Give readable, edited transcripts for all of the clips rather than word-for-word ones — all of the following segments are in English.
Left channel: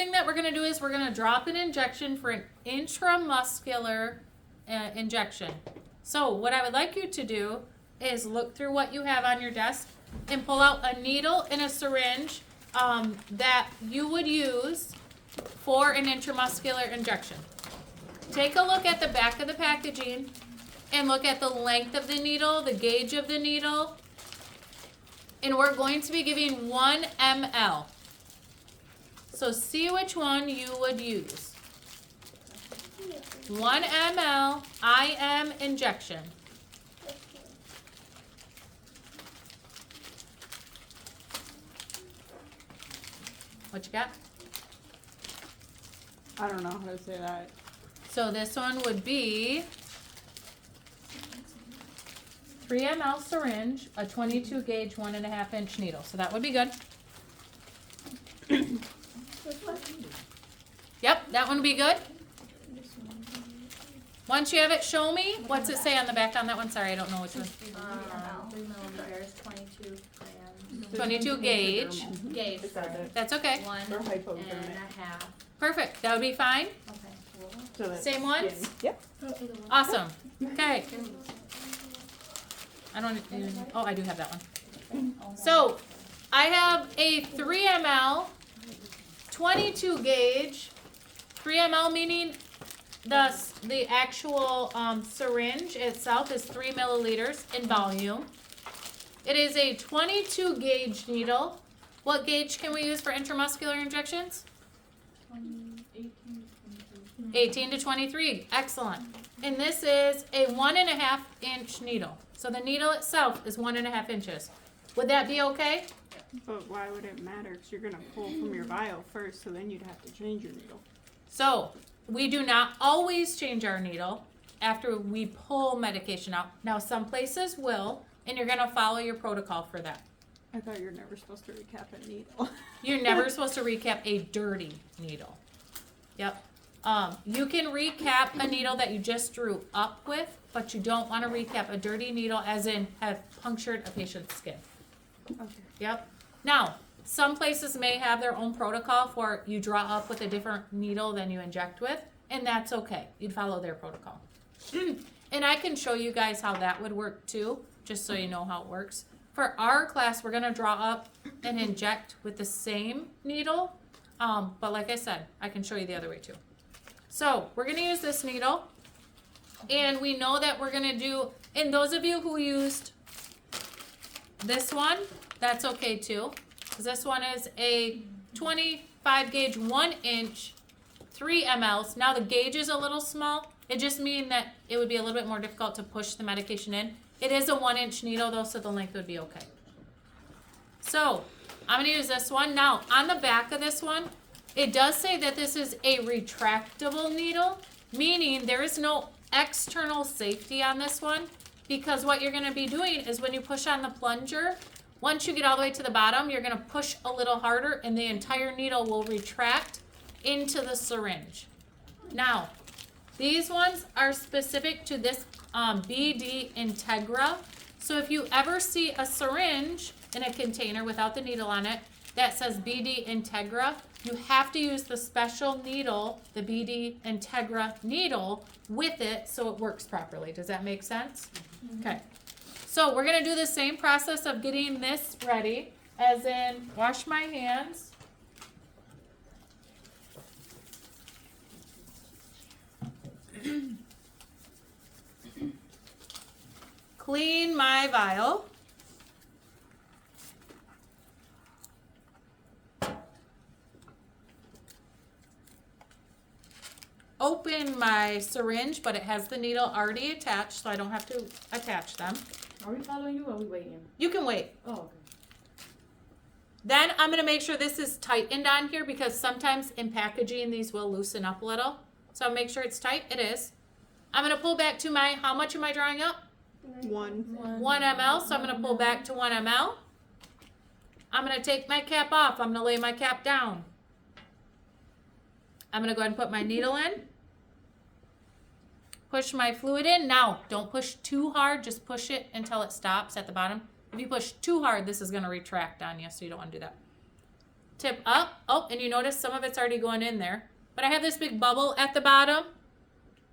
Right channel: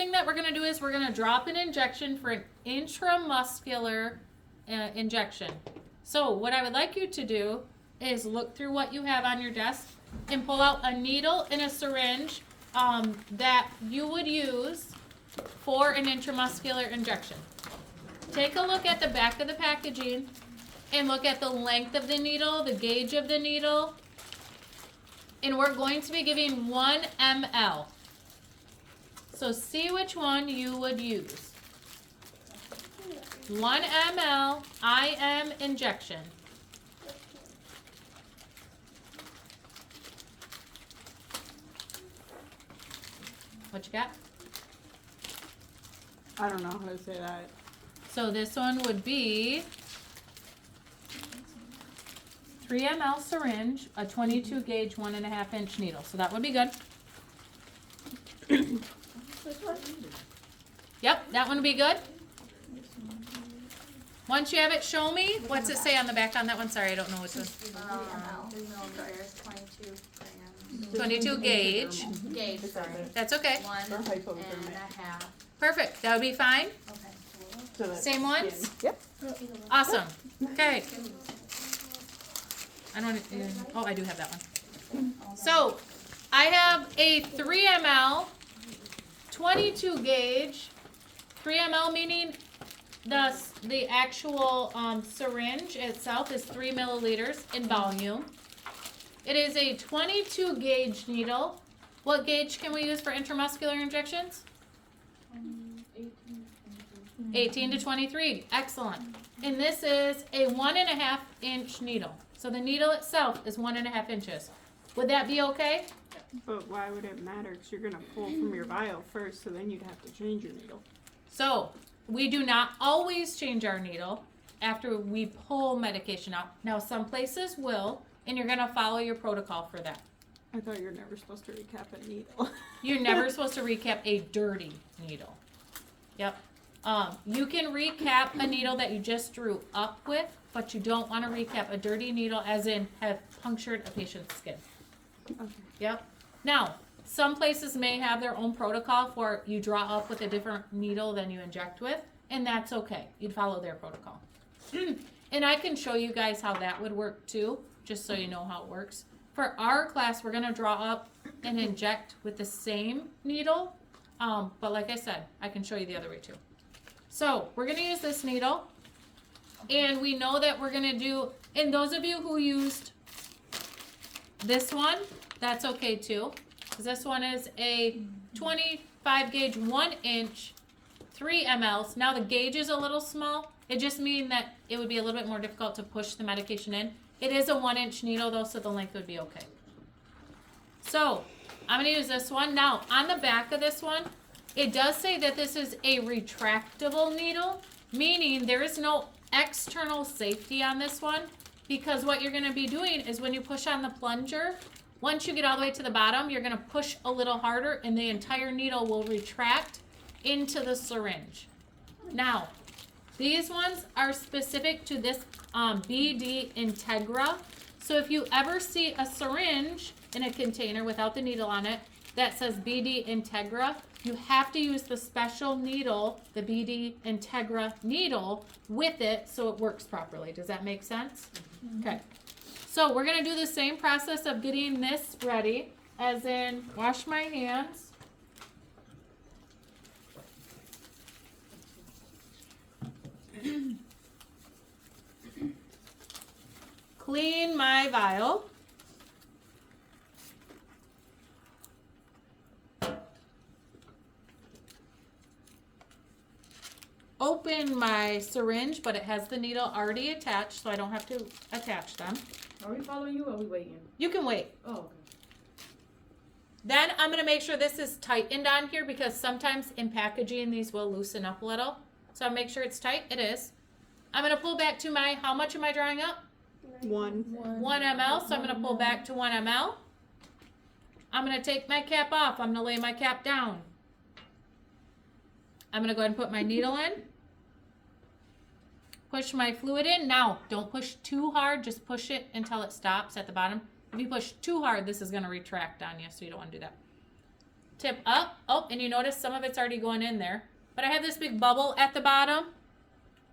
thing that we're going to do is we're going to drop an injection for an intramuscular injection. So what I would like you to do is look through what you have on your desk and pull out a needle and a syringe that you would use for an intramuscular injection. Take a look at the back of the packaging and look at the length of the needle, the gauge of the needle, and we're going to be giving 1 ml. So see which one you would use. 1 ml IM injection. What you got? I don't know how to say that. So this one would be 3 ml syringe, a 22 gauge, 1.5 inch needle. So that would be good. Yep, that one would be good. Once you have it, show me. What's it say on the back on that one? Sorry, I don't know which one. 3 milliliters, 22 grams. 22 gauge. Gauge, sorry. That's okay. 1 Or and hypodermic. a half. Perfect. That would be fine. Okay. So that's Same ones? skin. Yep. Awesome. Okay. I don't. Oh, I do have that one. So I have a 3 ml, 22 gauge. 3 ml meaning the actual syringe itself is 3 milliliters in volume. It is a 22 gauge needle. What gauge can we use for intramuscular injections? 18 to 23. Excellent. And this is a 1.5 inch needle. So the needle itself is 1.5 inches. Would that be okay? But why would it matter? Because you're going to pull from your vial first, so then you'd have to change your needle. So we do not always change our needle after we pull medication out. Now some places will, and you're going to follow your protocol for that. I thought you were never supposed to recap a needle. You're never supposed to recap a dirty needle. Yep. You can recap a needle that you just drew up with, but you don't want to recap a dirty needle as in have punctured a patient's skin. Okay. Yep. Now, some places may have their own protocol for you draw up with a different needle than you inject with, and that's okay. You'd follow their protocol. And I can show you guys how that would work too, just so you know how it works. For our class, we're going to draw up and inject with the same needle, but like I said, I can show you the other way too. So we're going to use this needle, and we know that we're going to do, and those of you who used this one, that's okay too, because this one is a 25 gauge, 1 inch, 3 mLs. Now the gauge is a little small. It just means that it would be a little bit more difficult to push the medication in. It is a 1 inch needle though, so the length would be okay. So I'm going to use this one. Now on the back of this one, it does say that this is a retractable needle, meaning there is no external safety on this one, because what you're going to be doing is when you push on the plunger, once you get all the way to the bottom, you're going to push a little harder and the entire needle will retract into the syringe. Now, these ones are specific to this BD Integra. So if you ever see a syringe in a container without the needle on it that says BD Integra, you have to use the special needle, the BD Integra needle, with it so it works properly. Does that make sense? Mm-hmm. Okay. So we're going to do the same process of getting this ready, as in wash my hands. Clean my vial. Open my syringe, but it has the needle already attached, so I don't have to attach them. Are we following you or are we waiting? You can wait. Oh, okay. Then I'm going to make sure this is tightened on here, because sometimes in packaging these will loosen up a little. So make sure it's tight. It is. I'm going to pull back to my, how much am I drawing up? 1 ml. So I'm going to pull back to 1 ml. I'm going to take my cap off. I'm going to lay my cap down. I'm going to go ahead and put my needle in. Push my fluid in. Now, don't push too hard. Just push it until it stops at the bottom. If you push too hard, this is going to retract on you, so you don't want to do that. tip up. Oh, and you notice some of it's already going in there. But I have this big bubble at the bottom.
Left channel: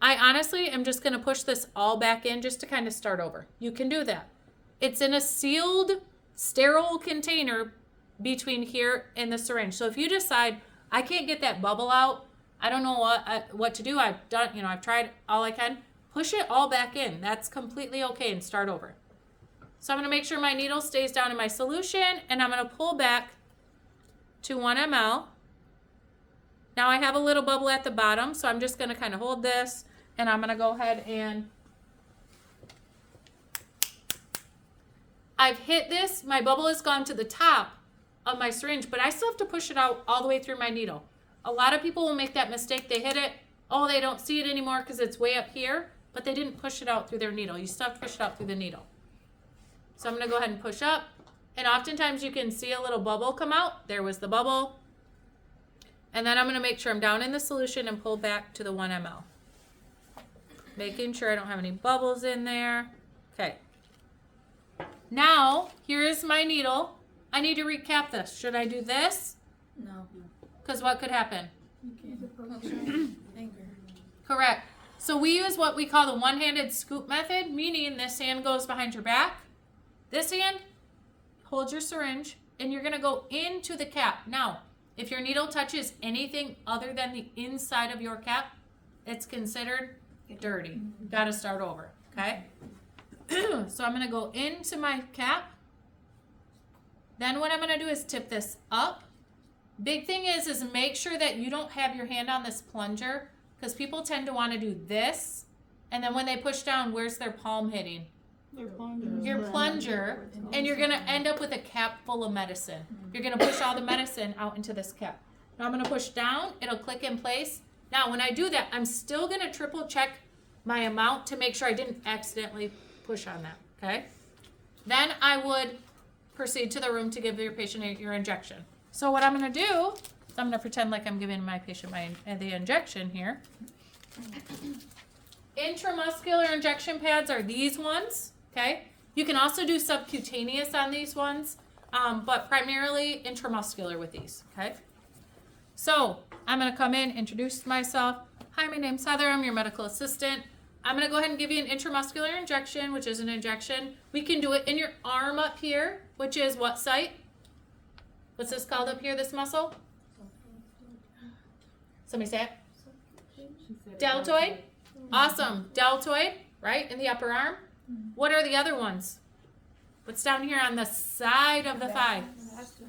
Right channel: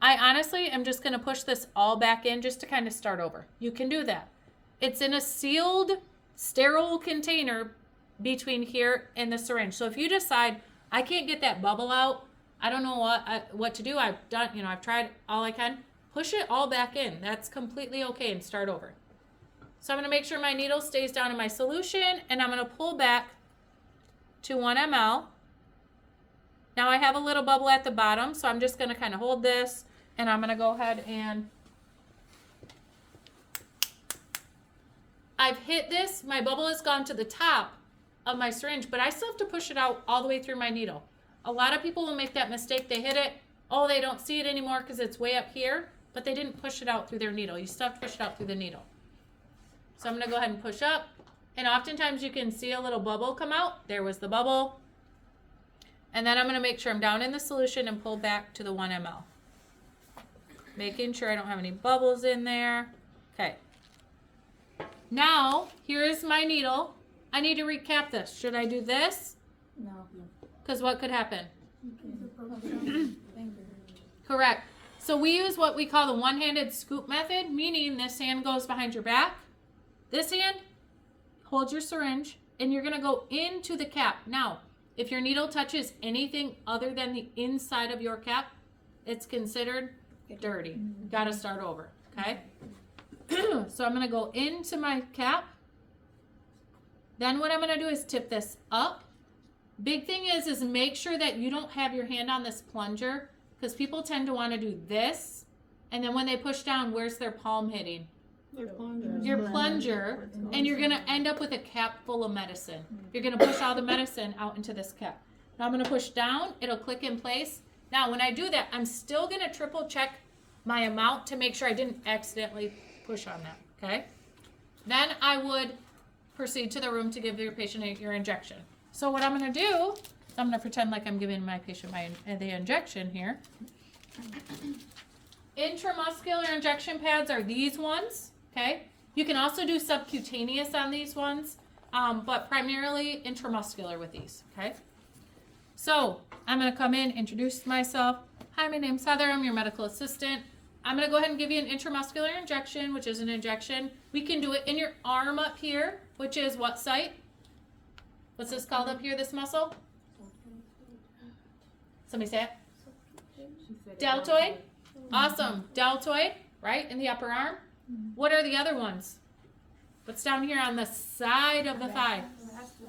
I honestly am just gonna push this all back in just to kind of start over. You can do that. It's in a sealed, sterile container between here and the syringe. So if you decide, I can't get that bubble out, I don't know what to do, I've done, I've tried all I can, push it all back in. That's completely okay, and start over. So I'm gonna make sure my needle stays down in my solution, and I'm gonna pull back to 1 ml. Now I have a little bubble at the bottom, so I'm just gonna kind of hold this, and I'm gonna go ahead and I've hit this, my bubble has gone to the top of my syringe, but I still have to push it out all the way through my needle. A lot of people will make that mistake. They hit it, oh, they don't see it anymore because it's way up here, but they didn't push it out through their needle. You still have to push it out through the needle. So I'm gonna go ahead and push up, and oftentimes you can see a little bubble come out. There was the bubble. And then I'm gonna make sure I'm down in the solution and pull back to the 1 ml. Making sure I don't have any bubbles in there. Okay. Now, here's my needle. I need to recap this. Should I do this? No. Because what could happen? Finger. Correct. So we use what we call the one-handed scoop method, meaning this hand goes behind your back. This hand holds your syringe, and you're going to go into the cap. Now, if your needle touches anything other than the inside of your cap, it's considered dirty. Got to start over, okay? So I'm going to go into my cap. Then what I'm going to do is tip this up. Big thing is make sure that you don't have your hand on this plunger, because people tend to want to do this, and then when they push down, where's their palm hitting? Your plunger, and you're going to end up with a cap full of medicine. You're going to push all the medicine out into this cap. Now I'm going to push down. It'll click in place. Now when I do that, I'm still going to triple check my amount to make sure I didn't accidentally push on that, okay? Then I would proceed to the room to give your patient your injection. So what I'm going to do is I'm going to pretend like I'm giving my patient the injection here. Intramuscular injection pads are these ones, okay? You can also do subcutaneous on these ones, but primarily intramuscular with these, okay? So I'm going to come in, introduce myself. Hi, my name's Heather. I'm your medical assistant. I'm going to go ahead and give you an intramuscular injection, which is an injection. We can do it in your arm up here, which is what site? What's this called up here, this muscle? Somebody say it. Deltoid. Awesome. Deltoid, right, in the upper arm. What are the other ones? What's down here on the side of the thigh?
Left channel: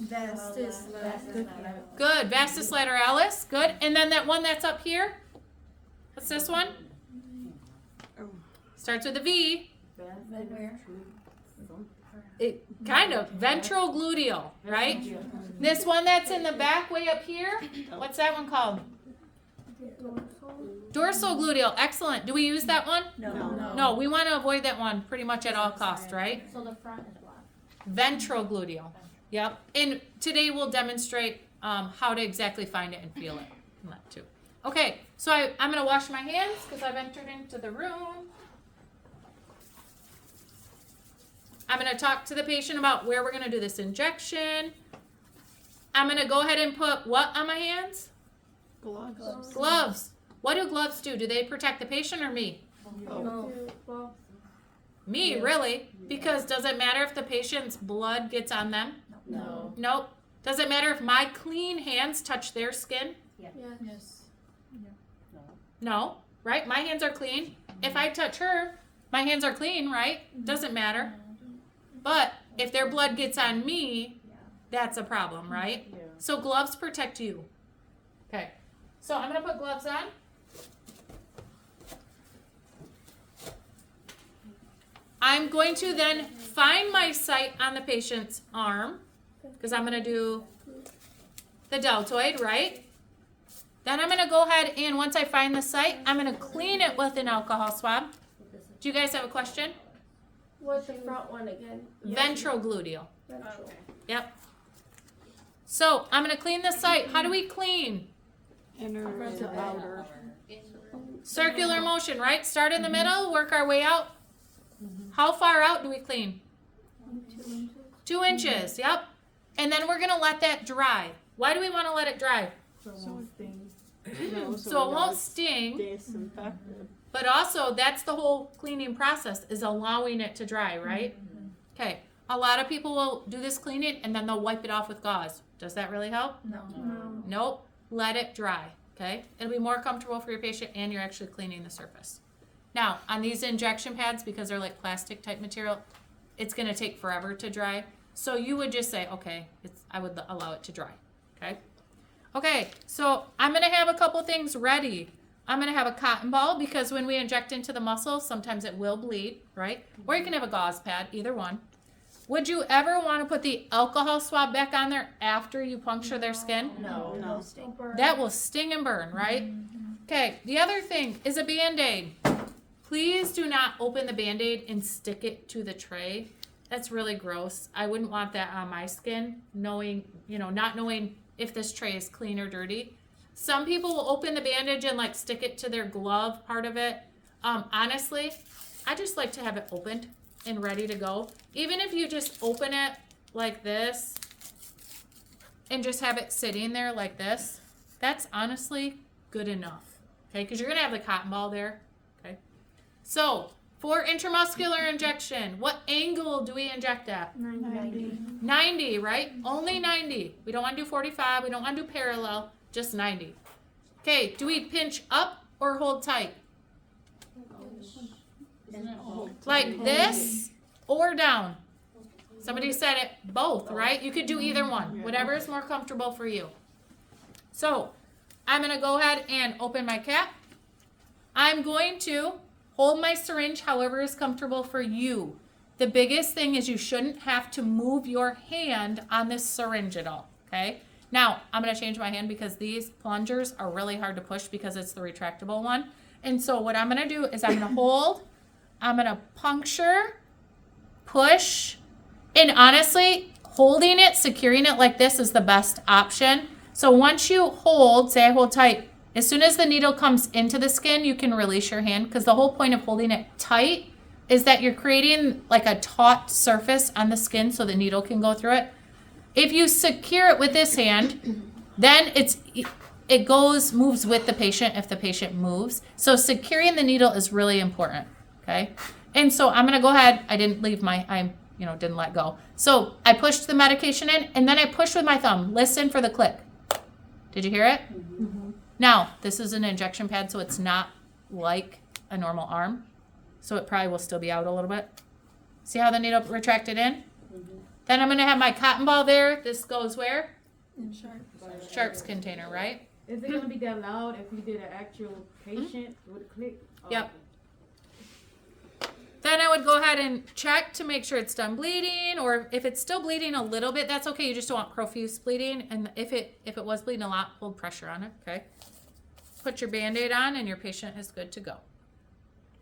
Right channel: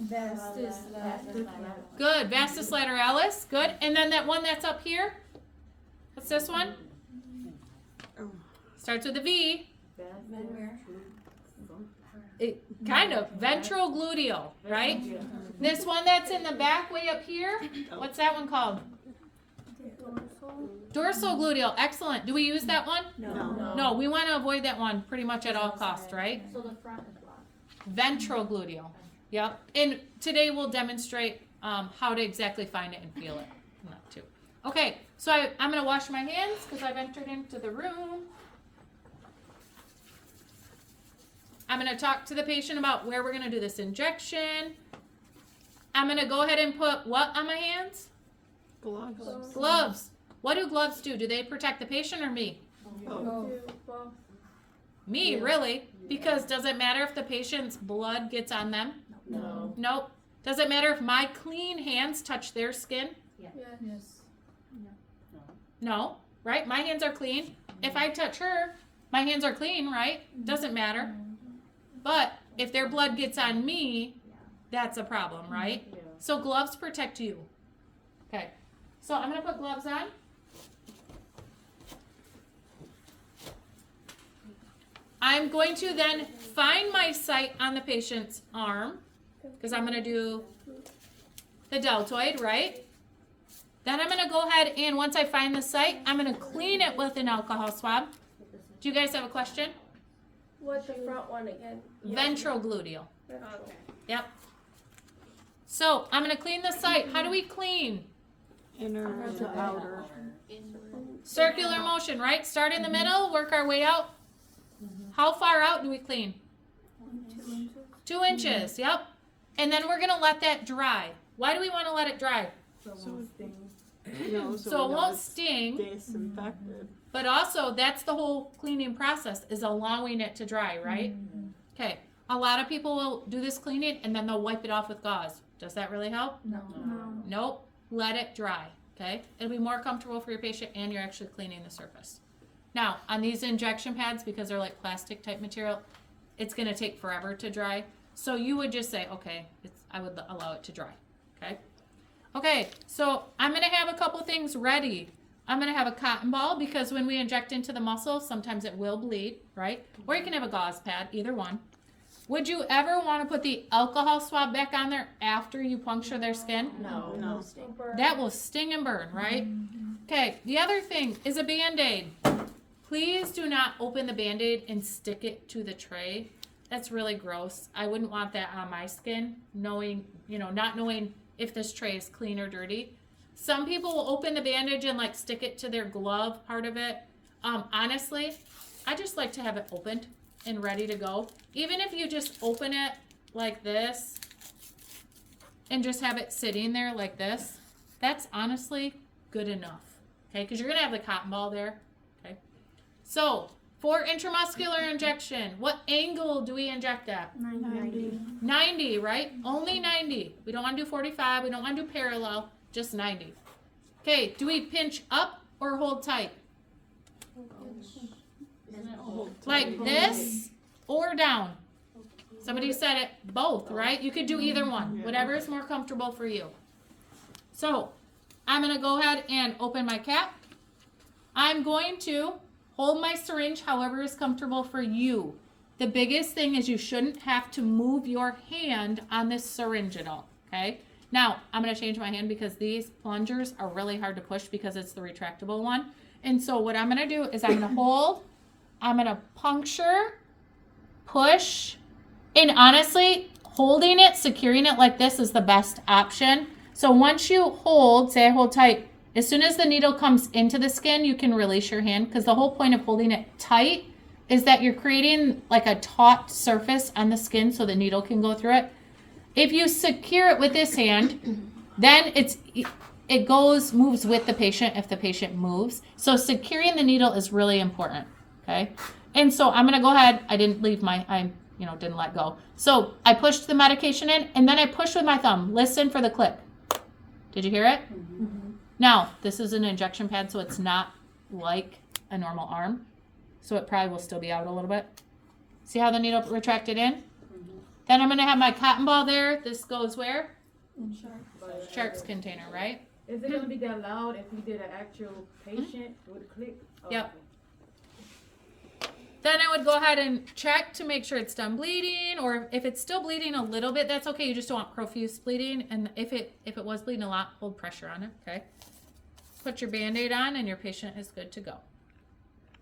Vastus lateralis. Good. Vastus lateralis. Good. And then that one that's up here? What's this one? Starts with a V. It kind of ventral gluteal, right? This one that's in the back way up here, what's that one called? Dorsal gluteal. Excellent. Do we use that one? No, we want to avoid that one pretty much at all costs, right? So the front is blocked. Ventral gluteal. Yep. And today we'll demonstrate how to exactly find it and feel it. That too. Okay, so I'm going to wash my hands because I've entered into the room. I'm going to talk to the patient about where we're going to do this injection. I'm going to go ahead and put what on my hands? Gloves. Gloves. What do gloves do? Do they protect the patient or me? Me, really? Because does it matter if the patient's blood gets on them? No. Nope. Does it matter if my clean hands touch their skin? Yes. No, right? My hands are clean. If I touch her, my hands are clean, right? Doesn't matter. But if their blood gets on me, that's a problem, right? Yeah. So gloves protect you. Okay. So I'm going to put gloves on. I'm going to then find my site on the patient's arm because I'm going to do the deltoid, right? Then I'm going to go ahead and once I find the site, I'm going to clean it with an alcohol swab. Do you guys have a question? What's the front one again? Ventral gluteal. Okay. Yep. So I'm going to clean the site. How do we clean? Inner to outer. Circular motion, right? Start in the middle, work our way out. How far out do we clean? 2 inches, yep. And then we're going to let that dry. Why do we want to let it dry? So it won't sting. No, So it we know won't it's sting, disinfected. but also that's the whole cleaning process is allowing it to dry, right? Okay. A lot of people will do this cleaning and then they'll wipe it off with gauze. Does that really help? No. No. Nope. Let it dry. Okay. It'll be more comfortable for your patient and you're actually cleaning the surface. Now, on these injection pads, because they're like plastic type material, it's going to take forever to dry. So you would just say, okay, I would allow it to dry. Okay. Okay. So I'm going to have a couple things ready. I'm going to have a cotton ball because when we inject into the muscle, sometimes it will bleed, right? Or you can have a gauze pad, either one. Would you ever want to put the alcohol swab back on there after you puncture their skin? No. No. sting. That will sting and burn, right? Okay, the other thing is a Band-Aid. Please do not open the Band-Aid and stick it to the tray. That's really gross. I wouldn't want that on my skin, not knowing if this tray is clean or dirty. Some people will open the bandage and like stick it to their glove part of it. Honestly, I just like to have it opened and ready to go. Even if you just open it like this and just have it sitting there like this, that's honestly good enough. Okay, because you're gonna have the cotton ball there. Okay, so for intramuscular injection, what angle do we inject at? 90. 90, right? Only 90. We don't want to do 45. We don't want to do parallel. Just 90. Okay, do we pinch up or hold tight? Like this or down? Somebody said it both, right? You could do either one. Yeah. Whatever is more comfortable for you. So, I'm going to go ahead and open my cap. I'm going to hold my syringe however is comfortable for you. The biggest thing is you shouldn't have to move your hand on this syringe at all, okay? Now, I'm going to change my hand because these plungers are really hard to push because it's the retractable one. And so what I'm going to do is I'm going to hold, I'm going to puncture, push, and honestly, holding it, securing it like this is the best option. So once you hold, say I hold tight, as soon as the needle comes into the skin, you can release your hand because the whole point of holding it tight is that you're creating like a taut surface on the skin so the needle can go through it. If you secure it with this hand, then it moves with the patient if the patient moves. So securing the needle is really important, okay? And so I'm gonna go ahead, I didn't let go. So I pushed the medication in and then I pushed with my thumb. Listen for the click. Did you hear it? Mm-hmm. Now, this is an injection pad, so it's not like a normal arm. So it probably will still be out a little bit. See how the needle retracted in? Then I'm going to have my cotton ball there. This goes where? In sharp. Sharps container, right? Is it gonna be that loud if we did an actual patient with a click? Oh, Yep. Then I would go ahead and check to make sure it's done bleeding, or if it's still bleeding a little bit, that's okay. You just don't want profuse bleeding. And if it was bleeding a lot, hold pressure on it, okay? Put your Band-Aid on and your patient is good to go.